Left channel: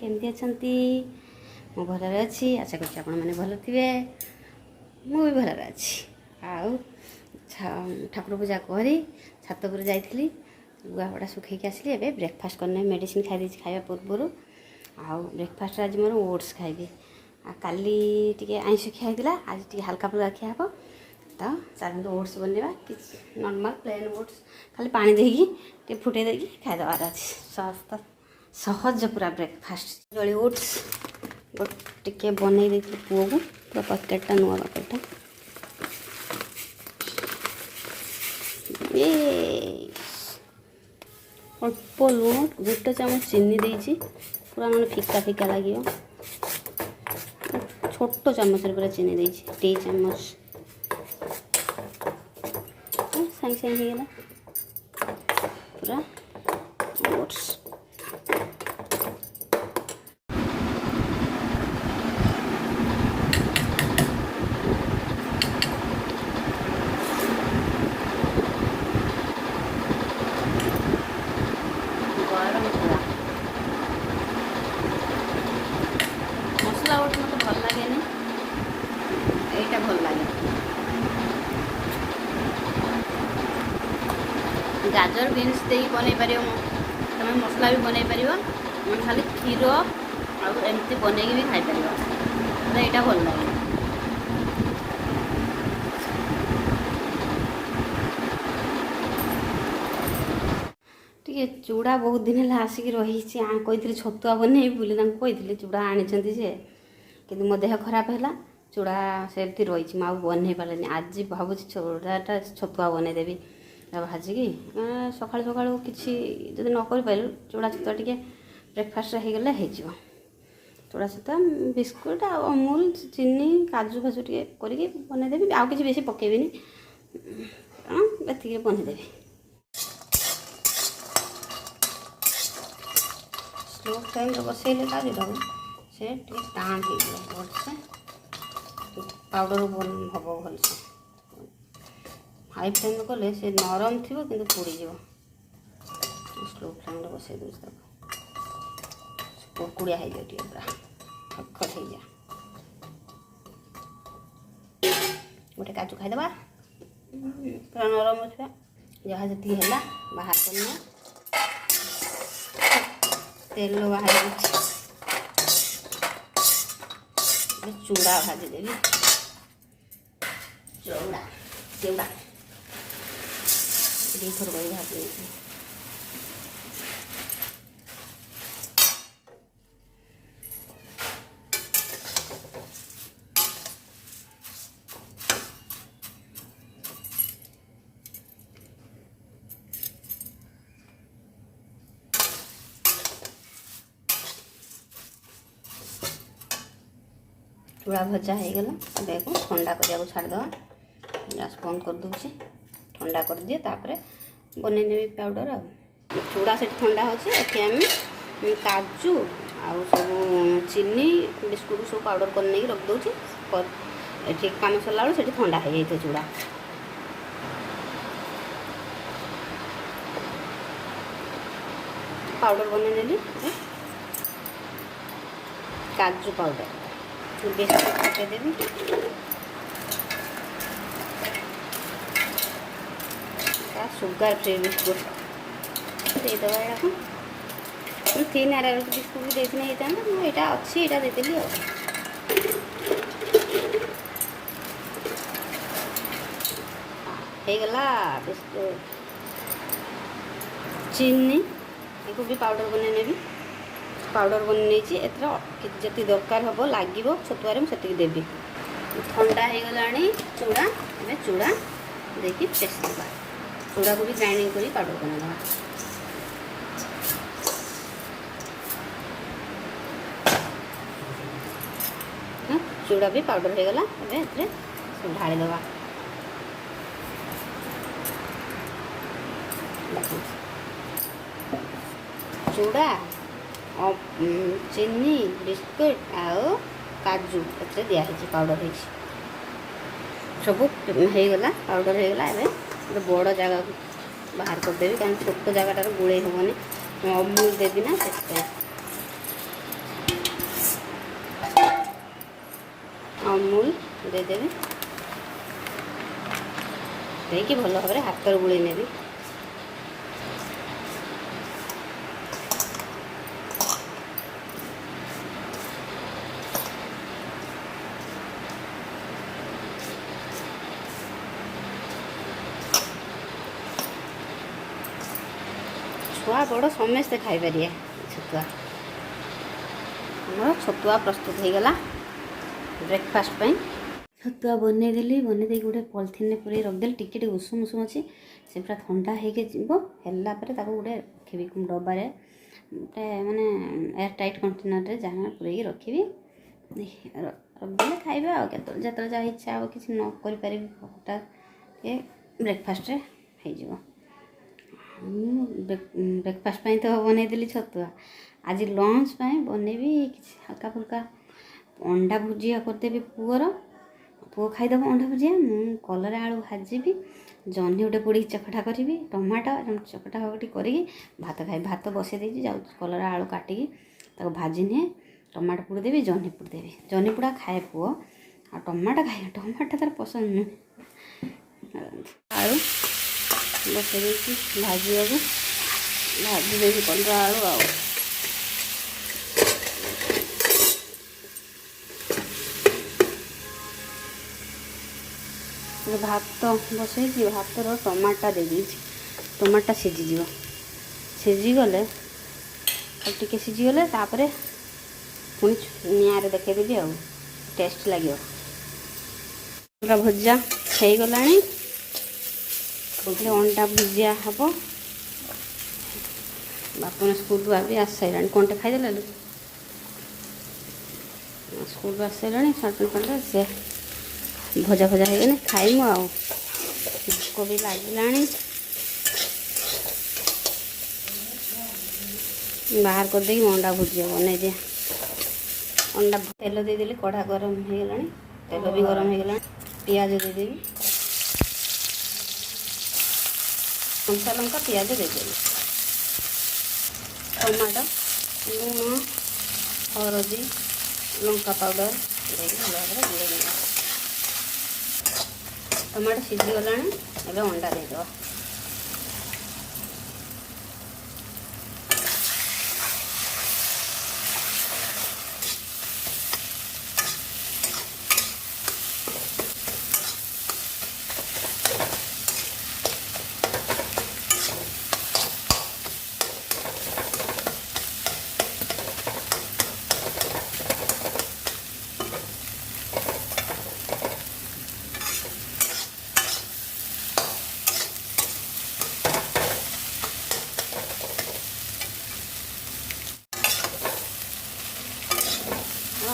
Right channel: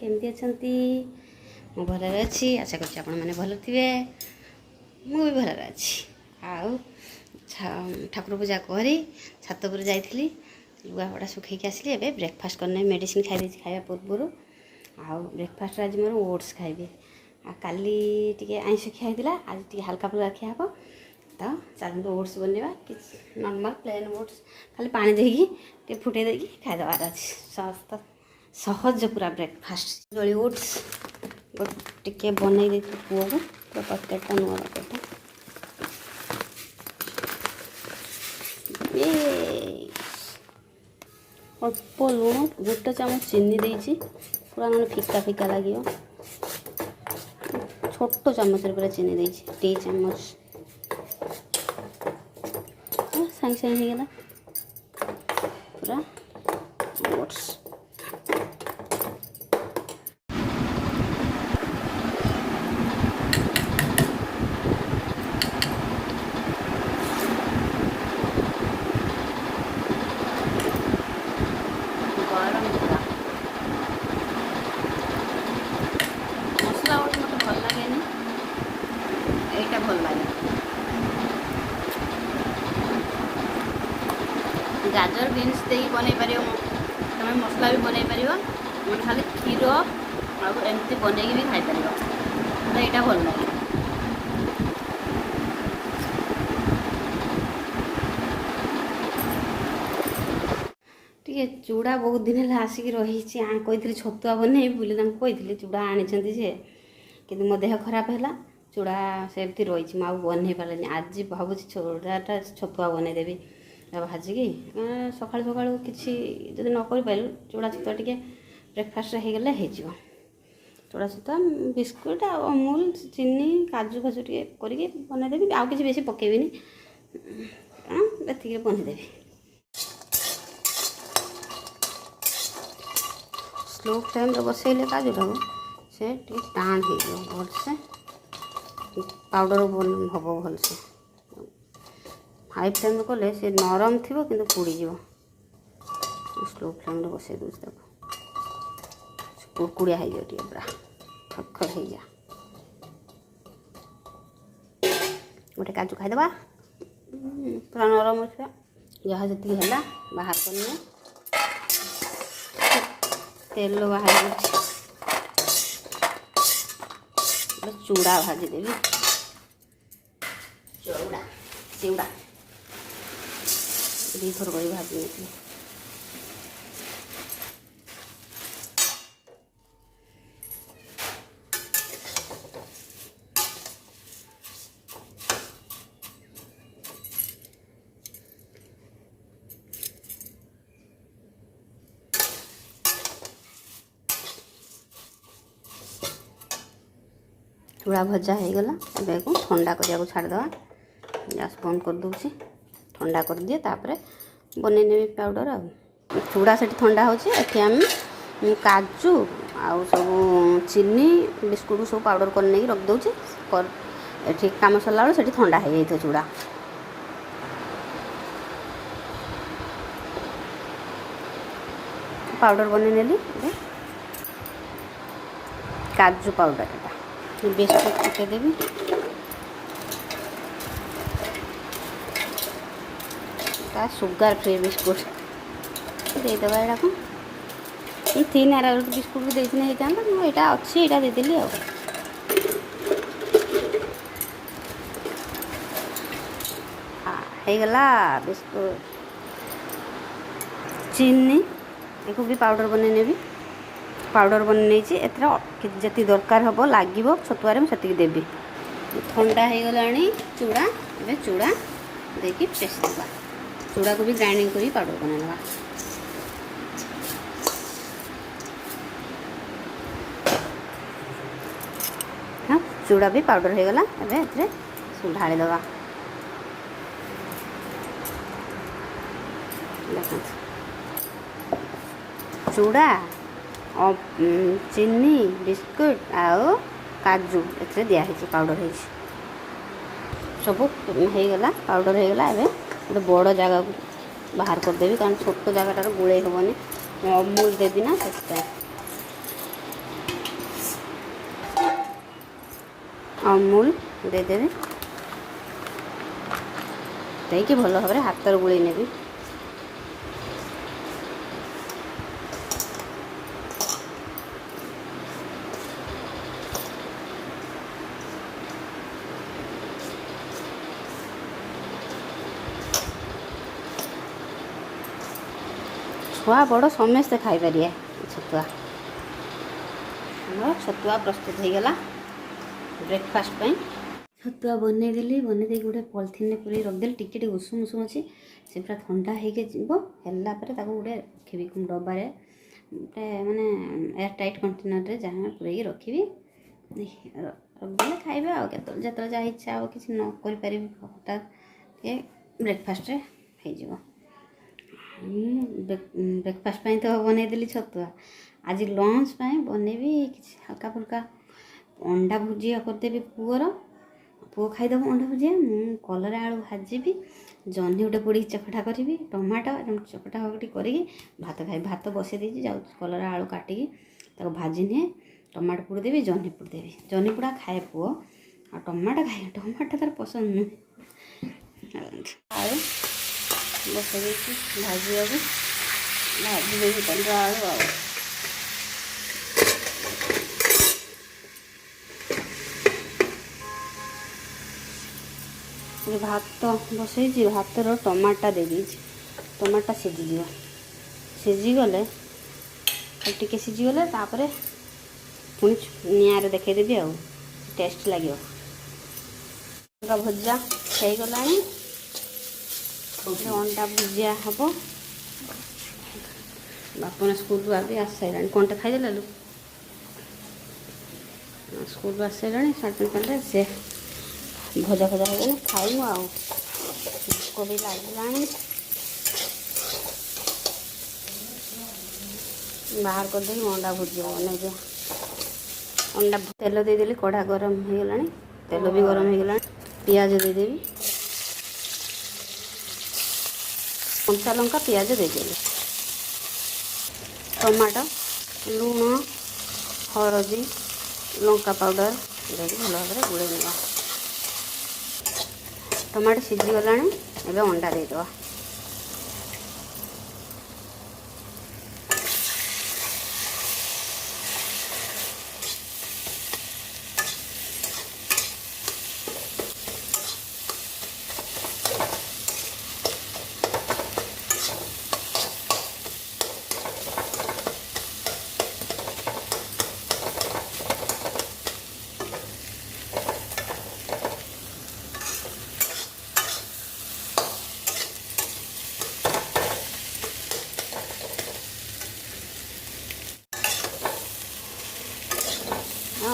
केमती अछंती मु भलरे अच्छी आशा करछि आपण माने भल थिबे मु भी भलरे अच्छी आउ ठाकुर पूजा करी छात पर जाइथिली लुगापड़ा सुखैकी आसली एबे ब्रेकफास्ट करने मेडिसिन खाई देछि खाଇବା पूर्व आउ ब्रेकफास्ट आज मोर ओट्स खाइबे आ काली टिके आइंस खिया आज टिके हल्का फुल्का खिया हबो तो चलते ओट्स बनवा कि नॉर्मल प्लेन ओट्स खाली पानी देगी टे फुटे देगी खाईदेवार अच्छे सहज पूरा ब्रेकफास्ट जली ओट्स टे बनई दे पुओ को पूरा पैकेटा नुआ पैकेटा अल्प लुण गोटे चामच चीनी देती पूरा ना फिका फिका लगे छोट चामच पूरा चीनी देती 2 चामच साइंग साइंग हो गला पूरा ओट्स गरम पूरा मसला ओट मत भल लगे यहाँ भल लगे गाजर बीन्स दे बन पार तुम मसला भी बन पार खाली क्षीर आमती बन भी खाई पार यहाँ भल लगे टे चूड़ा बहुत दिन है आसिक रही कही छतुआ बनई बोली कही चूड़ा आनी कि मो देह खराब है चूड़ा से रही आउ बन पारे आज भावुँ चूड़ाटा छतुआ बनईदेवी भाजिकी सकाळु सकाळु किसी जब न कर पाइलु चूड़ा छतुआ टे ब्रेकफास्ट हो गले हो चूड़ा छतुआ बिस्कुट अमूल चीनी काजू फाजू टे करके बनईदेवी आउ कि बेसी पकेबी एतिक बनईदेवी स्लो फ्लेम बसैले का देव से टाण हो भलसे पाउडर हम भलसे हाई फ्लेम कले से नरम थी कि पोड़ स्लो फ्लेम बसई दूसरी कुड़कुड़िया हो जाए पूरा खखर हो जा गोटे काजू खाईदे पूरा नरम अच्छे जहाँ जी है बाहर करना तेल बाहर चूड़ा भाजीदेवी चूड़ा चूड़ा दी थर कर भाजी चूड़ा भजा हो गला अब को ठंडा करिया छाड़देवा गैस बंद कर दूसरी ठंडा कर दिए तापर बनईने पाउडर आ चूड़ा से ठंडा होम काजू आउ सब चीनी बिस्कुट सब पाउडर कर नहीं रख दूची ठीक काम सरला बेलू से ठंडा हो जाए चूड़ा पाउडर बनई नेली काजू पाउडर बिस्कुट पकईदेवी सुगर फ्री बिस्कुट देदेव यहाँ को 3 आरा बिस्कुट भी देती यहाँ अच्छी यहाँ देदेली आगला बिस्कुट चीनी एक भी पाउडर बनई ने पाउडर बनई जी दरकार हम लगे छतुआरे मुझे देवी ठंडा हो गला चूड़ा ए चूड़ा देखिए पेस्ट देवा चूड़ा को भी ग्राइंडिंग कर पाउडर बना हाँ चूड़ा भी पाउडर हो गला ढालीदवा चूड़ा चीनी बिस्कुट आउ काजू ए दिखाई पाउडर हो सब होगला पाउडर होगला गोटे बड़ जगह को बाहर करदेवी कारण छोट जगह गुड़े हेनी अमूल देवी ना से ଅମୁଲ ଦେଇଦେବି, ଦେଇକି ଭଲ ଭାବରେ ହାତରେ ଗୋଳେଇ ନେବି। ଛୁଆ ବଡ଼ ସମସ୍ତେ ଖାଇପାରିବେ ଛତୁଆ। ଆମର ଛତୁଆ ପ୍ରସ୍ତୁତ ହେଇଗଲା ବ୍ରେକଫାଷ୍ଟ ପାଇଁ। ଛତୁଆ ବନେଇଦେଲି, ବନେଇ ଦେଇକି ଗୋଟେ ପଲିଥିନରେ ପୁରେଇ ରଖିଦେଲି। ଟିକେ ଟିକେ ଉଷୁମ ଉଷୁମ ଅଛି, ସେ ପୁରା ଥଣ୍ଡା ହେଇକି ଯିବ। ହେଲା ପରେ ତାକୁ ଗୋଟେ ରଖିବି ଡବାରେ, ଗୋଟେ ମାନେ ଏୟାର ଟାଇଟ୍ କଣ୍ଟେନରରେ ଯାହା ପୁରେଇକି ରଖିବି। ରଖିଦେଲେ ଖାଇବେ ଆଉ। କେତେବେଳେ ଯେତେବେଳେ ଯାହା ଇଚ୍ଛା ହେବ କିଛି ନ କରିପାରିବି ହଠାତ୍ ଟିକେ ବ୍ରେକଫାଷ୍ଟରେ ହେଇଯିବ। ବ୍ରେକଫାଷ୍ଟ ପାଇଁ ତ ବନେଇଦେଲି ଛତୁଆ। ଆଜି ଲଞ୍ଚ ପାଇଁ ବନେଇବି କିଛି ହାଲକା ଫୁଲକା ଅଣ୍ଡା ଭୁଜିଆ କରିଦେବି ପୁଅର। ପୁଅ ଖାଇଦେବ ଅଣ୍ଡା ଭୁଜିଆ। ମୁଁ କଲରା ଆଳୁ ଭାଜିବି, ଜହ୍ନି ଗୋଟେ ପୋଡ଼ିକି ଚକଟା କରିବି, ଟମାଟୋ ଚକଟା ଫକଟି କରିକି ଭାତ ଖାଇବି। ଭାତ ବସେଇ ଦେଇଛି, ଯାଉଛି କଲରା ଆଳୁ କାଟିକି ତାକୁ ଭାଜି ନିଏ। ଟମାଟୋ ପୋଡ଼ି ଦେବି, ଜହ୍ନି ପୋଡ଼ି ଦେବି। ଜହ୍ନି ପୋଡ଼ା ଖାଏ ପୁଅ, ଆଉ ଟମାଟୋ ଖାଏ। ଟମାଟୋ ତାର ପସନ୍ଦ ନୁହେଁ। ଆଳୁ ବସେଇ ଦେଇଛି ଭାଜିବାକୁ, ଭାଜି ଦେଇଛି କଲରା ଆଳୁ ଆଉ। ଭାତ ବସେଇଛି, ଭାତର ଟମାଟୋ ଦେଇଦେଇଛି। ଟମାଟୋ ସିଝିଯିବ, ସିଝିଗଲେ ଆଉ ଟିକେ ସିଝିଗଲେ ତାପରେ ପୁଣି ନିଆଁରେ ଦେଖେଇଦେବି ଆଉ, ଟେଷ୍ଟ ଲାଗିବ। ପୁରା ଭଜା ହେଇଗଲାଣି, ଅଣ୍ଡା ଭୁଜିଆ ହେବ। ବାପନ ସ୍କୁଲରୁ ଆସି ସାରିଲାଣି, କ'ଣଟେ ଖାଇଦେଲା ଲୋ। ସ୍କୁଲରୁ ଆସିସାରିଲାଣି, ସାଢ଼େ କଲେ ସେ ଭଜା ଭଜା ହେଇଗଲେ ଖାଇମୁ ଆଉ। ଭୋକ ବି ଲାଗିଲାଣି, ବାହାର କରିଦେଇକି ଅଣ୍ଡା ଭୁଜିଆ ବନେଇଦିଏ। ଅଣ୍ଡା ତେଲ ଦେଇଦେଲି, କଢ଼ା ଗରମ ହେଇଗଲାଣି, ତେଲ ବି ଗରମ ହେଇଗଲାଣି। ପିଆଜ ଦେଇଦେବି, କଞ୍ଚା ଲଙ୍କା ପିଆଜ ଦେଇଦେବି। ଟମାଟୋ, ଲୁଣ, ହଳଦୀ, ଲଙ୍କା ପାଉଡ଼ର ଦେଇକି ଭଲ ଭାବରେ ଗୋଳେଇ ଦେବା। ଟମାଟୋ ସିଝିଗଲାଣି, ଏବେ ଅଣ୍ଡା ଦେଇଦେବା।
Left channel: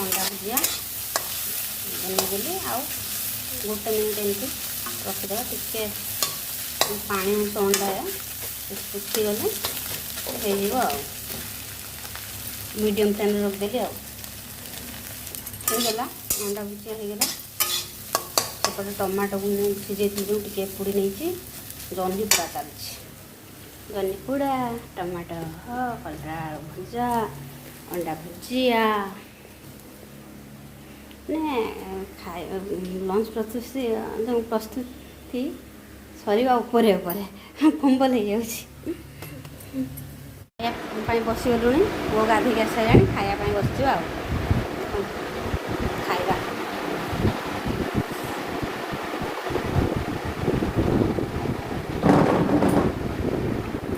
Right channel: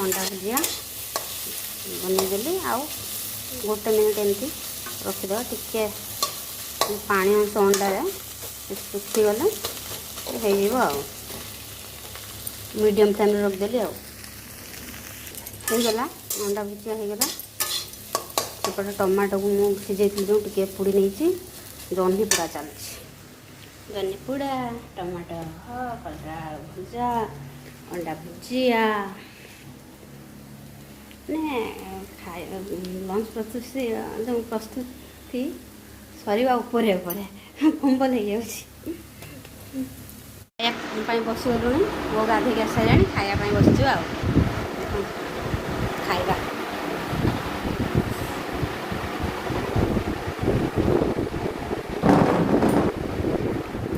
ଅଣ୍ଡା ଭୁଜିଆ ବନେଇଦେଲି, ଆଉ ଗୋଟେ ମିନିଟ୍ ଏମିତି ରଖିଦେବା। ଟିକେ ପାଣି ଅଂଶ ଅଣ୍ଡାରେ ଶୁଖିଗଲେ ହେଇଯିବ ଆଉ। ମିଡ଼ିୟମ୍ ଫ୍ଲେମ୍ରେ ରଖିଦେଲି ଆଉ। ହେଇଗଲା, ଅଣ୍ଡା ଭୁଜିଆ ହେଇଗଲା। ସେପଟେ ଟମାଟୋକୁ ମୁଁ ସିଝେଇଥିଲି ଯେଉଁ ଟିକେ ପୋଡ଼ି ନେଇଛି। ଜହ୍ନି ପୋଡ଼ା ଚାଲିଛି, ଜହ୍ନି ପୋଡ଼ା, ଟମାଟୋ, କଲରା ଆଳୁ ଭଜା, ଅଣ୍ଡା ଭୁଜିଆ। ମାନେ ଲଞ୍ଚ ପ୍ରସ୍ତୁତି ସରିବା ଉପରେ ଫମ୍ବଲ ହେଇଯାଉଛି। ଖାଇବା ପାଇଁ ବସିଗଲୁଣି, ପୁଅ ଗାଧୋଇକି ଆସିସାରିଲାଣି। ଖାଇବା ପାଇଁ ବସିଛୁ ଆଉ। ଖାଇବା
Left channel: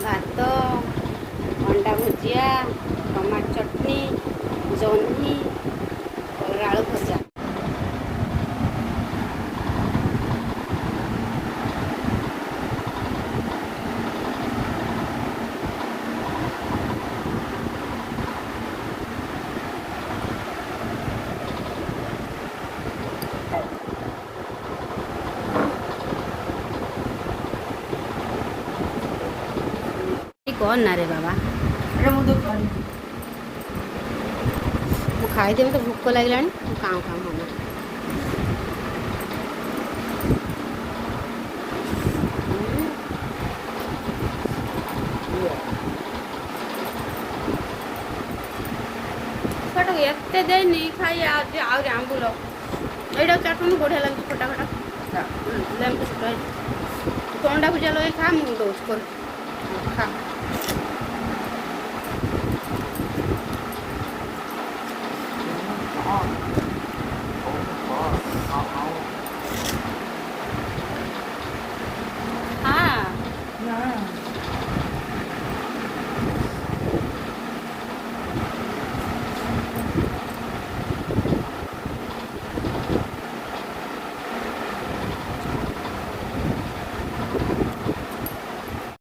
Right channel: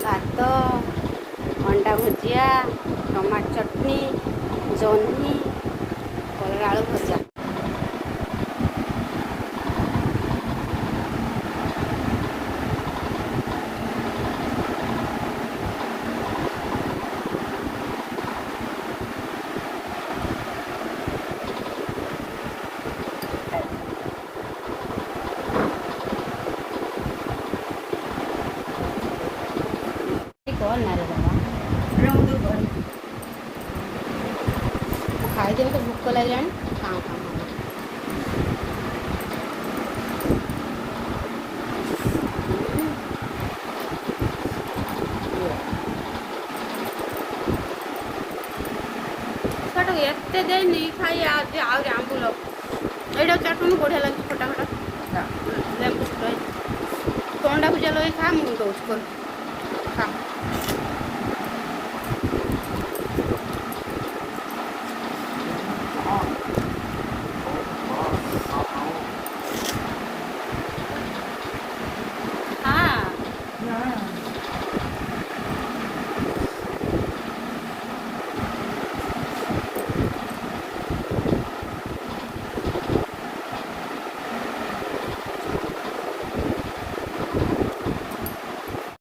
ଭାତ, ଅଣ୍ଡା ଭୁଜିଆ, ଟମାଟୋ ଚଟଣି, ଜହ୍ନି, କଲରା ଆଳୁ ଭଜା। କର ନା ରେ ବାବା, ଖାଇଦେବି ତ, ଭୋକ ଲାଗିଲାଣି। କାଁ କାଁ ହେବି। ଛୁଆଟାକୁ ଏତେ ଦେଇନି ଖାଇ, ଆହୁରି ଆମ୍ବୁଲ ଏଇଟା ଚାଟୁନୁ ବଢ଼ିଆ ଲାଗୁଛି ଖଟା ଖଟା ଲେମ୍ବୁ ଛୋଟ ହେଇଛି ତୁ ଅଣ୍ଡା ଭୁଜିଆ ଲଗେଇ ଖା ମୁଁ ଦେଉଛି କର ଖା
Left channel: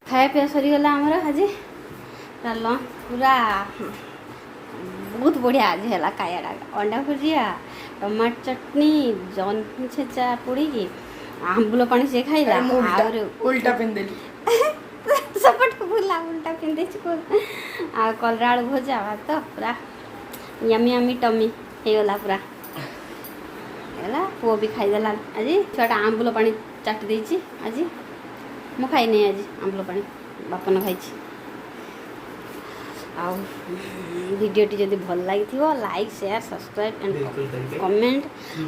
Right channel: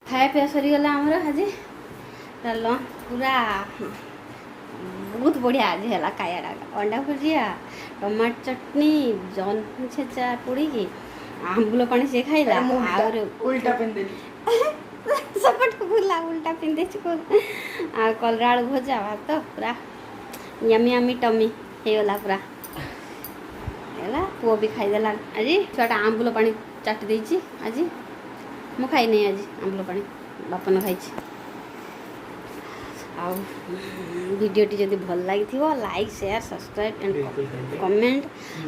खाया पिया सरीगला आमर आज लंच पूरा बहुत बढ़िया आज है खायाटा अंडा भुजिया टमाटो चटनी जहनी छेचा पोड़ी आंबुल पानी से खाइला और उल्टा पिंदेली सपट को भूला उल्टा पिंदे आ कलरा आलू भजा भात पूरा यमी यमी टमी होगला पूरा है पुओ भी खाईदेला आज छुआटा आंबुल पानी चाटी देती आज मु खाई नहीं आज आंबुल पानी बापन खाई भिडियोटी जब भल लगी like share subscribe and comment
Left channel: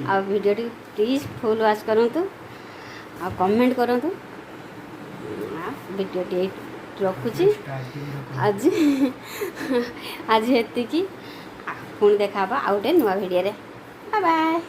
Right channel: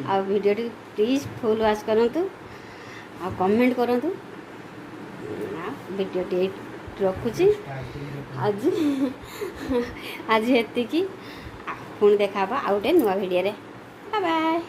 आ भिडियोटी प्लीज फुल वॉच करूँ आ कमेंट करूँ भिडियोटी रखुची आज आज ये पुणी देखा आउ गोटे नुआ भिडियो बाय बाय।